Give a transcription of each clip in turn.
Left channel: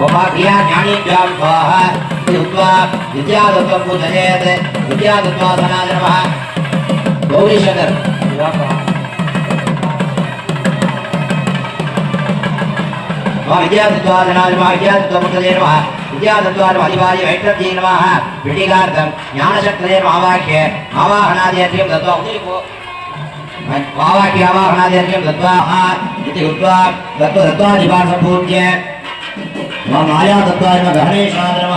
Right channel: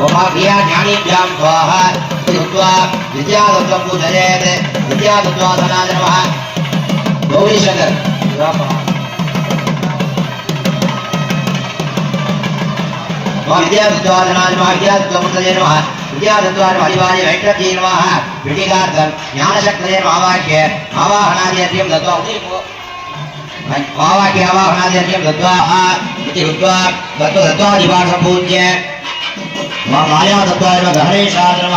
गोमाभिया ज्ञानेभ्यां स्वाहा इति उक्त्वा विद्यादत्त्वं तो पूजयेत् विद्यादत्त्वासनादनमः गौरीशङ्कर् विद्यादत्त्वासनादनमः विद्यादत्त्वमुदये नमः विद्यादत्त्वान् हरिवाय वैट्रत्यै नमः विटिकार्थं ज्ञानशक्तये मावाक्य मावाहनादियर्घ्यं दत्त्वा उदयिको मावाक्यावाहनादियर्घ्यं दत्त्वा इति उक्त्वा दत्त्वा दत्त्वा निवासपूज्य మా మాయాతత్వాయ గహనేశాయ నమ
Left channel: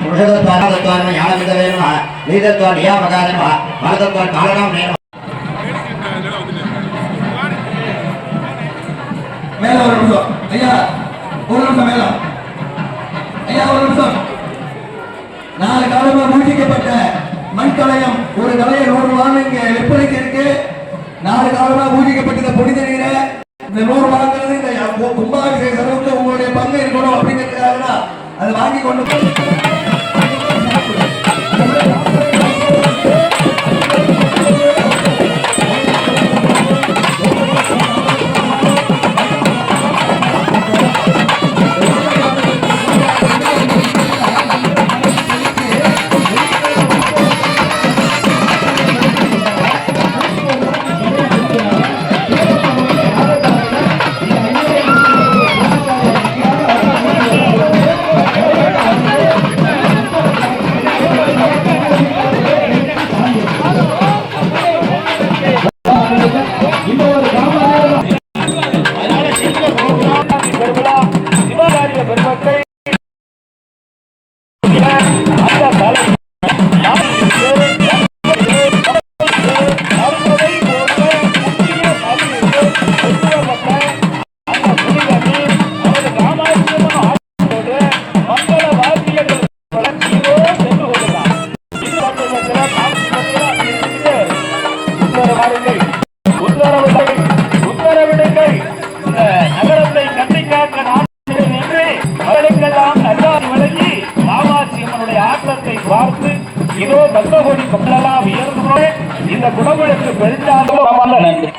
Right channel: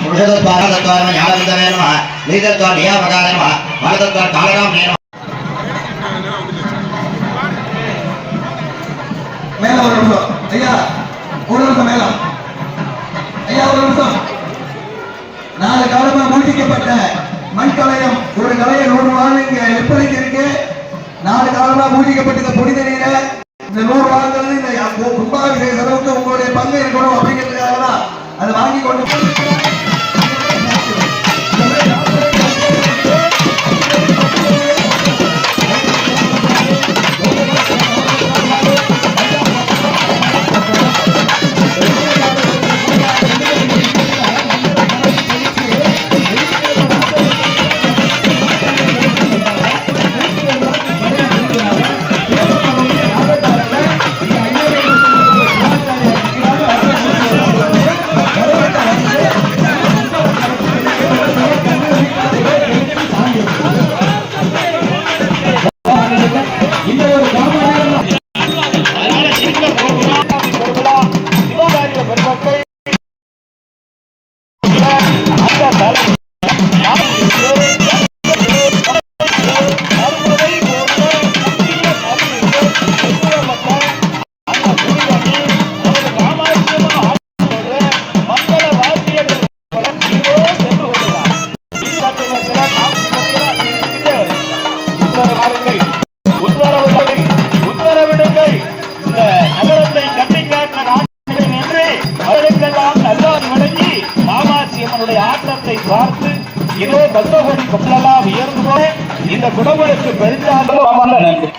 పురుషతత్వాన తత్వాన జ్ఞానవిందరే నమ నీతత్వ నియామకాయ నమ மேல ஒரு நிமிஷம். ஐயா ஒரு ஒரு நிமிஷம். நாலு காலமா மூழ்கிக்கப்பட்ட மண் கலையம் கலையை நூறு நாள் இங்க விற்பனைக்கு இருக்கு? நாலு காலமா மூழ்கிக்கப்பட்ட பொடித நீரை இந்த நூறு நாள் உங்களுடைய பங்கு இருக்கணும் அப்படிங்கிறதுக்காக தான் அதை வாங்கி கொண்டு கும்பலெல்லாம் உயர்ந்து போய் இந்த குடும்பத்துக்கு பெருந்தாலும் நன்றி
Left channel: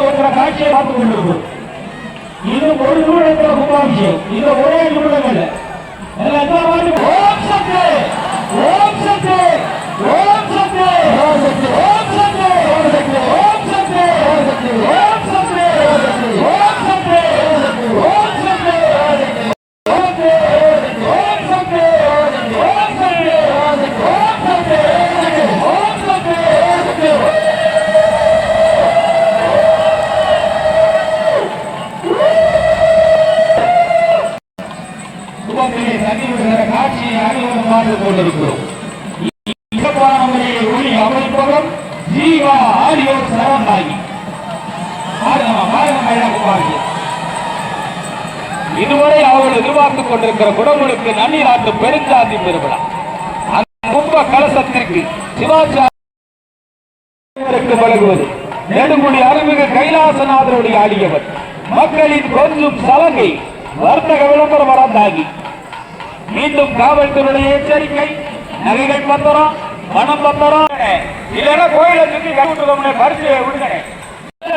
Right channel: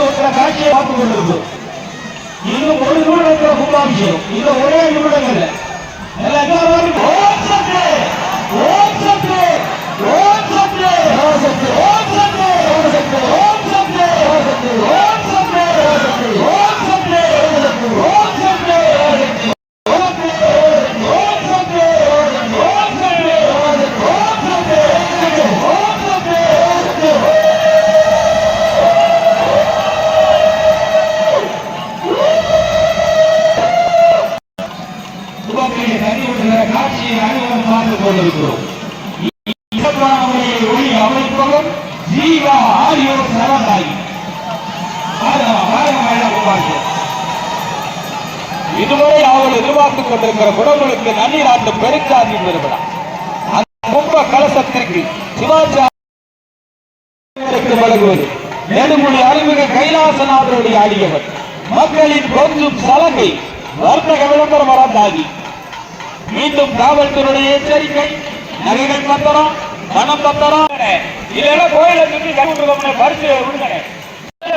ஒருத்தர காட்சியை பார்த்துக் கொண்டிருக்கும் இன்னும் ஒரு நிமிடம் கும்பாபிஷேகம். இது ஒரே நிமிடங்கள். எல்லா ஜீவா ஆடியோ சரவந்தாயி இதுவரை அவர்கள் எதிர்பார்த்துக் கொண்டிருக்கிற குடமுழுக்கு நன்னீர் ஆட்டு பெருஞ்சாதி பெருவிழா. அந்த கும்ப கலசத்திற்கு சிவாச்சாரியருக்கு வழங்குவது. நெடுமொழி அருள்மிகு கைலாசநாதருடைய ஆடியவர் மக்களின் கொஞ்சம் சலங்கை வர்த்தக விளம்பரம் வளர்ந்தாகி. மீண்டும் காவல்துறையுடைய எச்சரிக்கை நகைகள் பத்திரம் பணம் பத்தரம் இல்லைன்னா கோயில சுற்றி கட்டுக்கோங்க பரிசு விடுங்க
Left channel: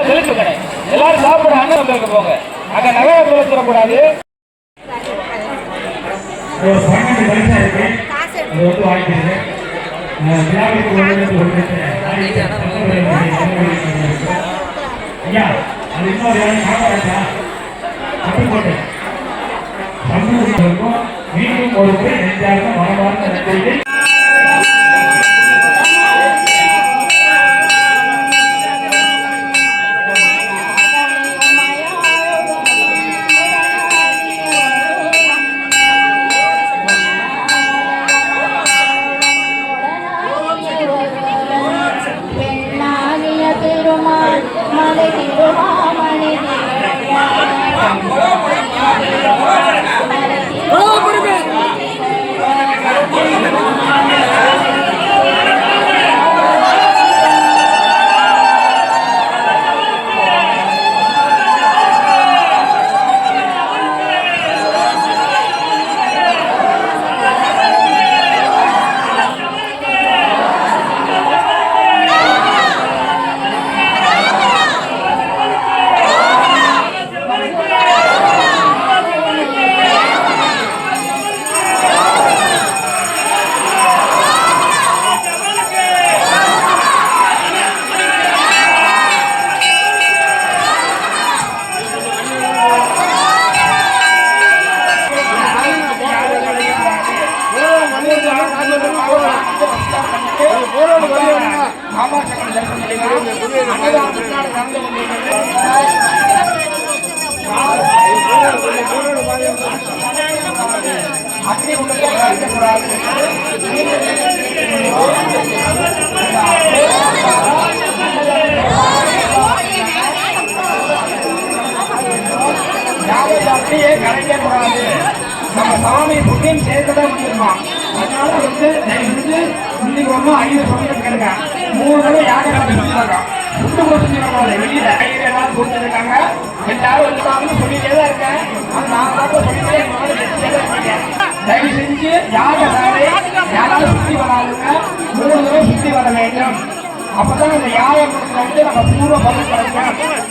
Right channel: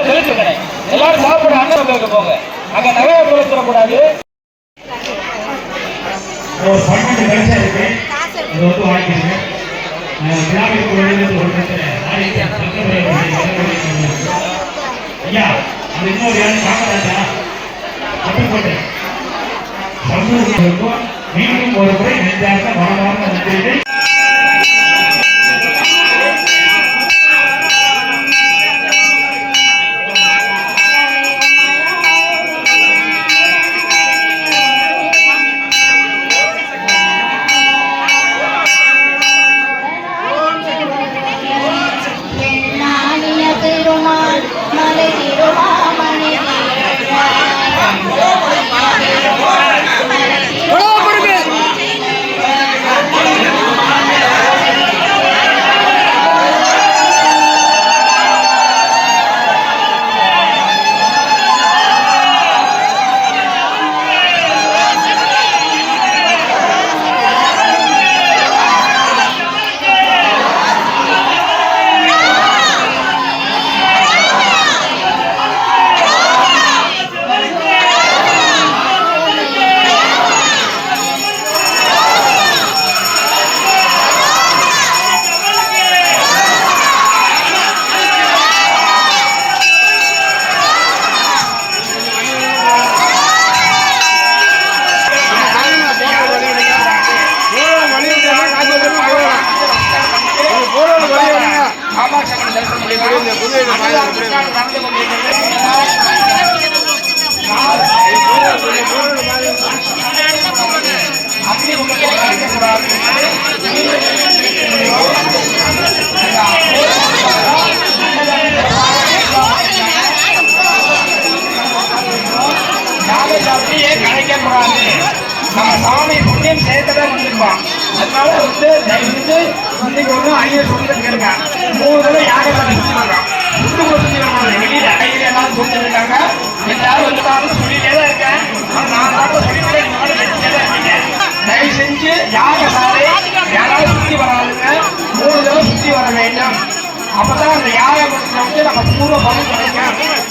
செலுத்துக்கணே எல்லாரும் சாப்பிட அண்ணன் பேருக்கு போங்க. அங்க நகைய செலுத்திட கூடாது மீண்டும் ஒரு முறை யாரும் அப்படியே கிடைக்கக்கூடாது நம்ம சாமி புண்ணியம் சேர்க்கவே வந்திருக்கோம் அதனால வந்து தயவுசெய்து இன்னைக்கு ஒன்றும் ஐயர் சொல்லிட்டு மூணு தடவை யாரும் பண்ணி வச்சுருக்காங்க ஃபுட்டு கூட செஞ்சுருக்காங்க வெளியில ஐயர் எல்லாம் கொடுத்துருக்காங்க எல்லாரும் வந்து சொல்லிட்டே தான் இருக்கேன். ஆனா நான் தடவை சொல்லிட்டே இருக்கேன் செஞ்சுட்டே தான் இருக்கேன். தயவு செஞ்சு யாரை சாலை யாராவது சுற்றி வராதுங்க மூணு தடவை சுற்றி வர வேண்டும். அப்பதான் அந்த யாரை வந்து நம்ம பூர்வ பலன் கிடைக்கும்